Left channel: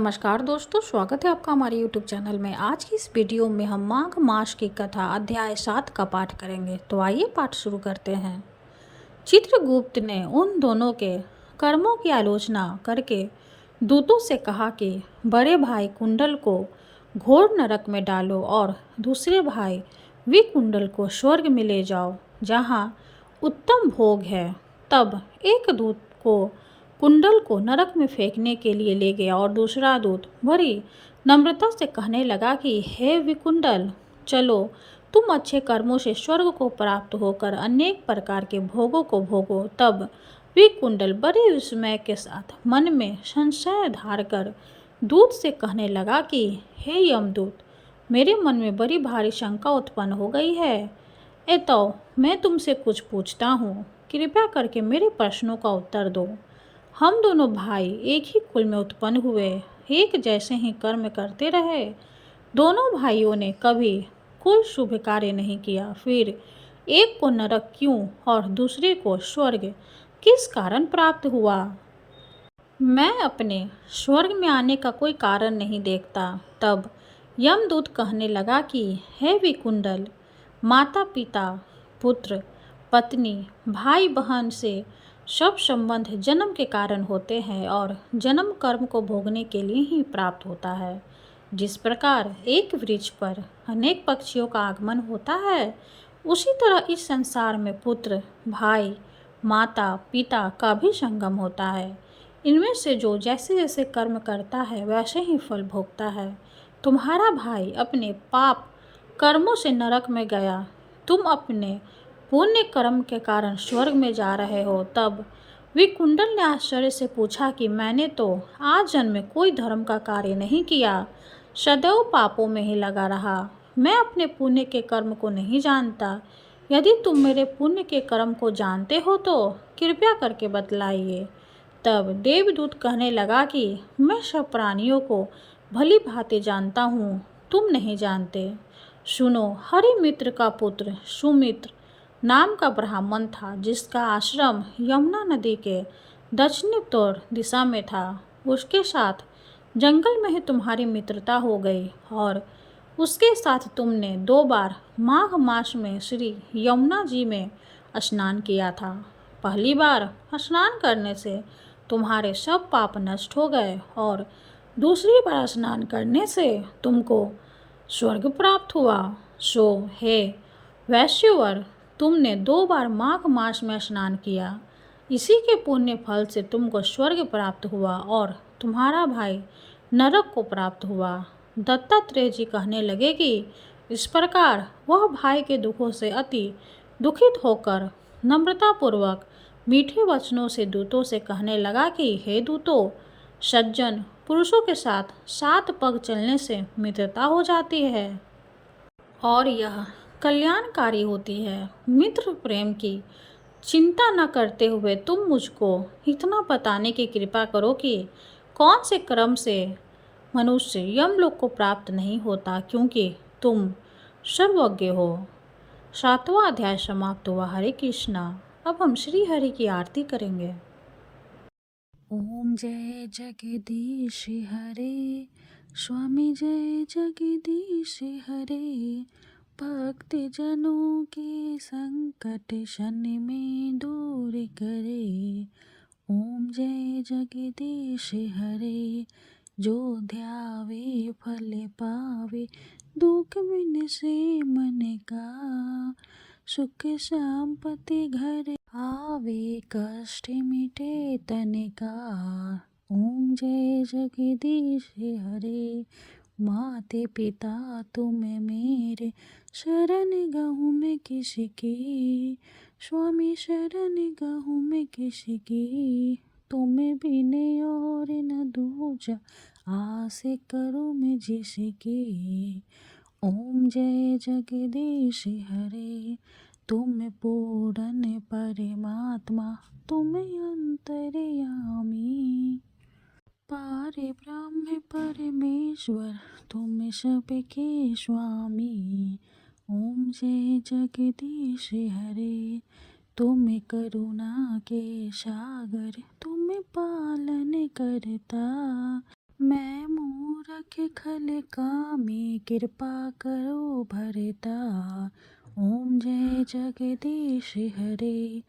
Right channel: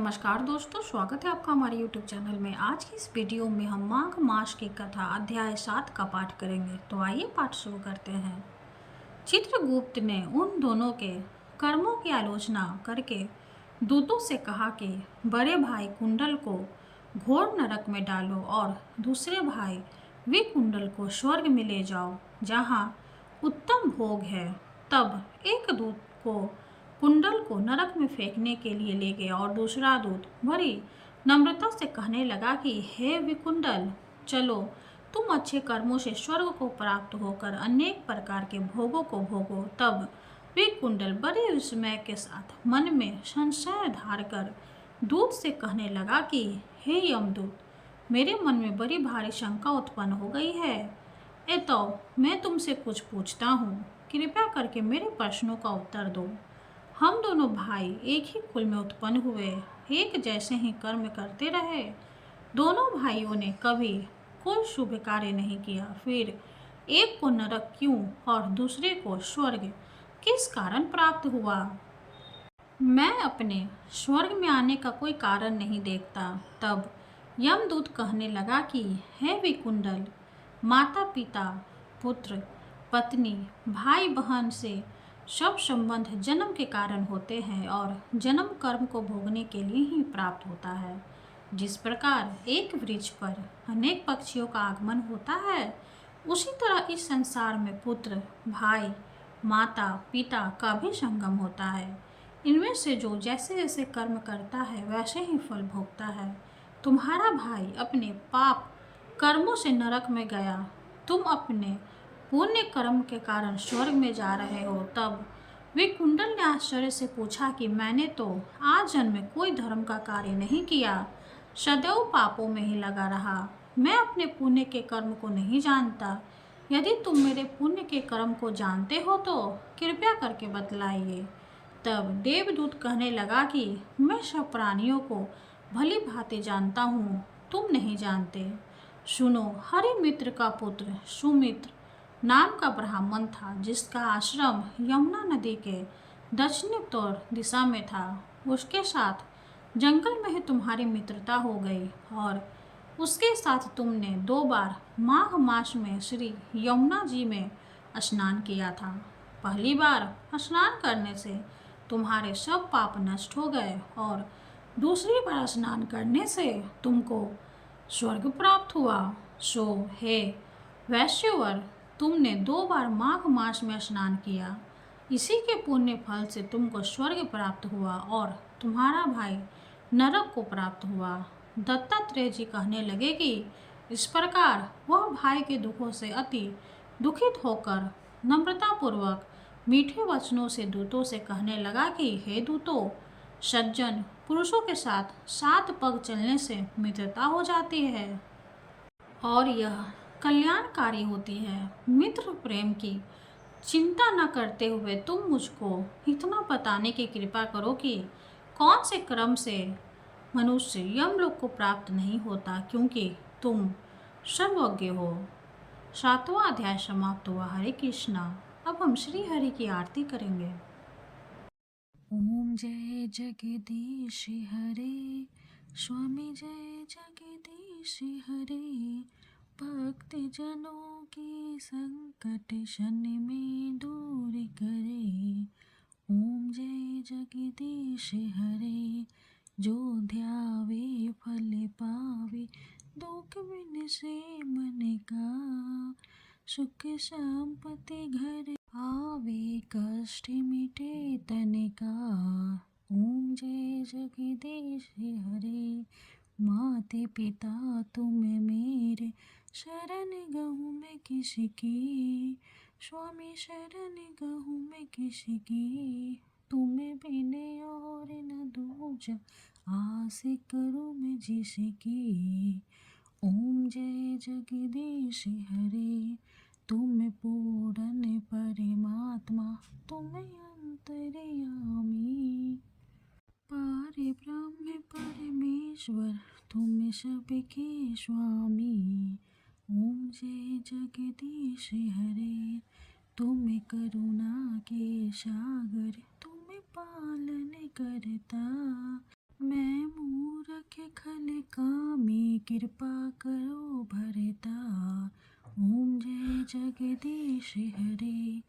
नमस्कार दोस्तों, स्वागत है आपका हमारे YouTube चैनल में। आज की इस वीडियो में हम माघ मास की कथा अध्याय 7 का पाठ करेंगे। तो आइए पाठ शुरू करते हैं। चित्रगुप्त ने उन दोनों के कर्मों की आलोचना करके दूतों से कहा कि बड़े भाई कुंडल को घोर नरक में डालो और दूसरे भाई विकुंडल को स्वर्ग में ले जाओ, जहाँ उत्तम भोग है। तब एक दूत को कुंडल को नरक में फेंकने के लिए ले गया और दूसरा दूत बड़ी नम्रता से कहने लगा कि हे विकुंडल, चलो, तुम अच्छे कर्मों से स्वर्ग को प्राप्त होकर अनेक प्रकार के भोगों को भोगो। तब विकुंडल बड़े विस्मय के साथ मन में संशय धार कर दूत से कहने लगा कि हे यमदूत, मेरे मन में बड़ी भारी शंका उत्पन्न हो गई है। तो मैं तुमसे कुछ पूछता हूँ, कृपया करके मेरे प्रश्नों का उत्तर दो। हम दोनों भाई एक ही कुल में उत्पन्न हुए, एक जैसे ही कर्म करते रहे। दोनों भाइयों ने कभी कोई शुभ कार्य नहीं किया, फिर एक को नरक क्यों और दूसरे को स्वर्ग किस कारण प्राप्त हुआ? मैं अपने स्वर्ग में आने का कोई कारण नहीं देखता। तब यमदूत कहने लगा कि हे विकुंडल, माता पिता, पुत्र पत्नी, भाई बहन से सब संबंध जन्म के कारण होते हैं और जन्म कर्म को भोगने के लिए ही प्राप्त होता है। जिस प्रकार एक वृक्ष पर अनेक पक्षियों का आगमन होता है, उसी तरह इस संसार में पुत्र, भाई, माता पिता का भी संगम होता है। इनमें से जो जैसे जैसे कर्म करता है वैसे ही फल भोगता है। तुम्हारा भाई अपने पाप कर्मों से नरक में गया, तुम अपने पुण्य कर्म के कारण स्वर्ग में जा रहे हो। तब विकुंडल ने आश्चर्य से पूछा कि मैंने तो आज जन्म में कोई धर्म का कार्य नहीं किया, सदैव पापों में ही लगा रहा। मैं अपने पुण्य के कर्म को नहीं जानता। यदि तुम मेरे पुण्य के कर्म को जानते हो तो कृपया करके बतलाइए। तब देवदूत कहने लगा कि मैं सब प्राणियों को भली भांति जानता हूँ, तुम नहीं जानते। सुनो, हरिमित्र का पुत्र सुमित्र नाम का ब्राह्मण था, जिसका आश्रम यमुना नदी के दक्षिणोत्तर दिशा में था। उसके साथ जंगल में ही तुम्हारी मित्रता हो गई और उसके साथ तुमने 2 बार माघ मास में श्री यमुना जी में स्नान किया था। पहली बार स्नान करने से तुम्हारे सब पाप नष्ट हो गए और दूसरी बार स्नान करने से तुमको स्वर्ग प्राप्त हुआ। सो हे वैश्यवर, तुमने 2 बार माघ मास में स्नान किया, इसी के पुण्य फल से तुमको स्वर्ग प्राप्त हुआ और तुम्हारा भाई नरक को प्राप्त हुआ। दत्तात्रेय जी कहने लगे कि इस प्रकार वह भाई के दुखों से अति दुखित होकर नम्रतापूर्वक मीठे वचनों से दूतों से कहने लगा कि हे दूतों, सज्जन पुरुषों के साथ 7 पग चलने से मित्रता हो जाती है और यह कल्याणकारी होती है। मित्र प्रेम की चिंता न करते हुए तुम मुझको इतना बताने की कृपा करो कि कौन से क्रम से मनुष्य यमलोक को प्राप्त नहीं होता, क्योंकि तुम सर्वज्ञ हो। 7वां अध्याय समाप्त हुआ। हरे कृष्णा। अब हम श्री हरि की आरती करेंगे। ओम जय जगदीश हरे, स्वामी जय जगदीश हरे। भक्त जनों के संकट शनि में दूर करे। ओम जय जगदीश हरे, जो ध्यावे फल पावे, दुख बिन से मन का। सुख संपत्ति घर आवे, कष्ट मिटे तन का। ओम जय जगदीश हरे, माते पिता तुम मेरे, शरण गहूँ मैं किसकी। स्वामी शरण गहूँ मैं किसकी, तुम बिन और न दूजा, आस करूँ मैं जिसकी। ओम जय जगदीश हरे, तुम पूर्ण परमात्मा, तुम अंतर्यामी। पारे ब्रह्म परमेश्वर, तुम सबके स्वामी। ओम जय जगदीश हरे, तुम करुणा के सागर, तुम पालन करता। मैं सुख खल कामी कृपा करो भरता। ओम जय जगदीश हरे।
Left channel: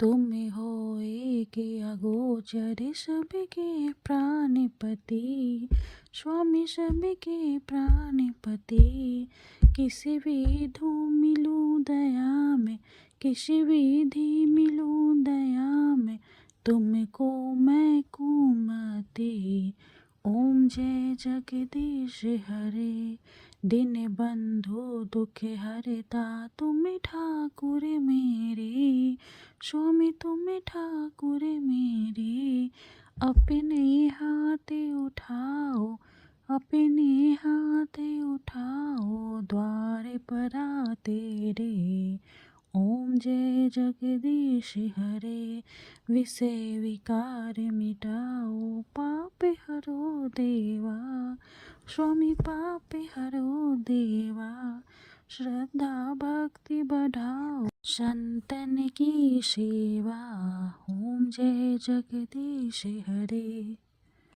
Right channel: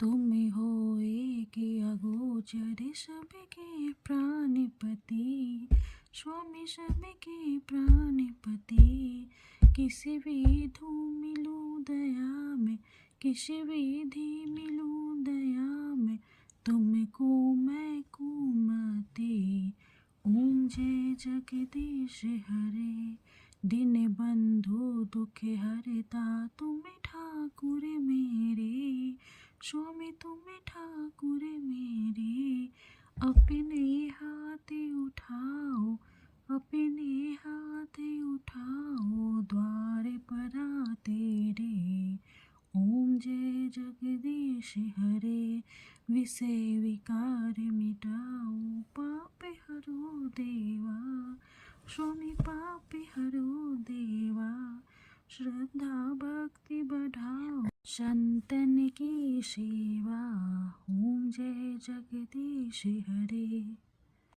तुम हो एक अगोचर सबके प्राणपति। स्वामी सबके प्राणपति। किसी विधु मिलूं दया में, किसी विधि मिलूं दया में, तुमको मैं कुमति। ओम जय जगदीश हरे। दिन बंधु दुख हरता, तुम ठाकुर मेरे। स्वामी तुम ठाकुर मेरे। अपने हाथ उठाओ, अपने हाथ उठाओ, द्वार पर आ तेरे। ओम जय जगदीश हरे। विषय विकार मिटाओ, पाप हरो देवा। स्वामी पाप हरो देवा। श्रद्धा भक्ति बढ़ाओ, संतन की सेवा। ओम जय जगदीश हरे।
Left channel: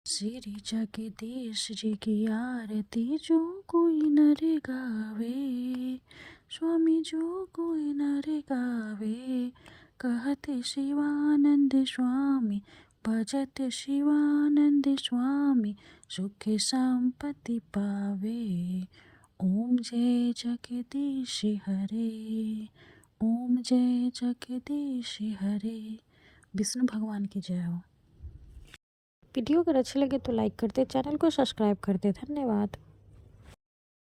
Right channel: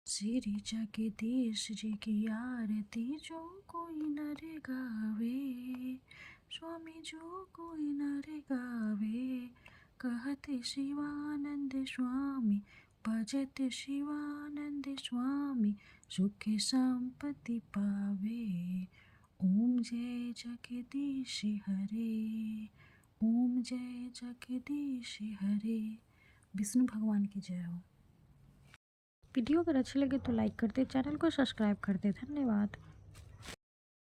श्री जगदीश जी की आरती जो कोई नर गावे। स्वामी जो कोई नर गावे। कहत शिवानंद स्वामी, भजत शिवानंद स्वामी, सुख संपत्ति पावे। ओम जय जगदीश हरे। ओम जय जगदीश हरे। विष्णु भगवान की जय हो। वीडियो अगर अच्छे लगे तो लाइक कर दे, चैनल को सब्सक्राइब कर दे। धन्यवाद।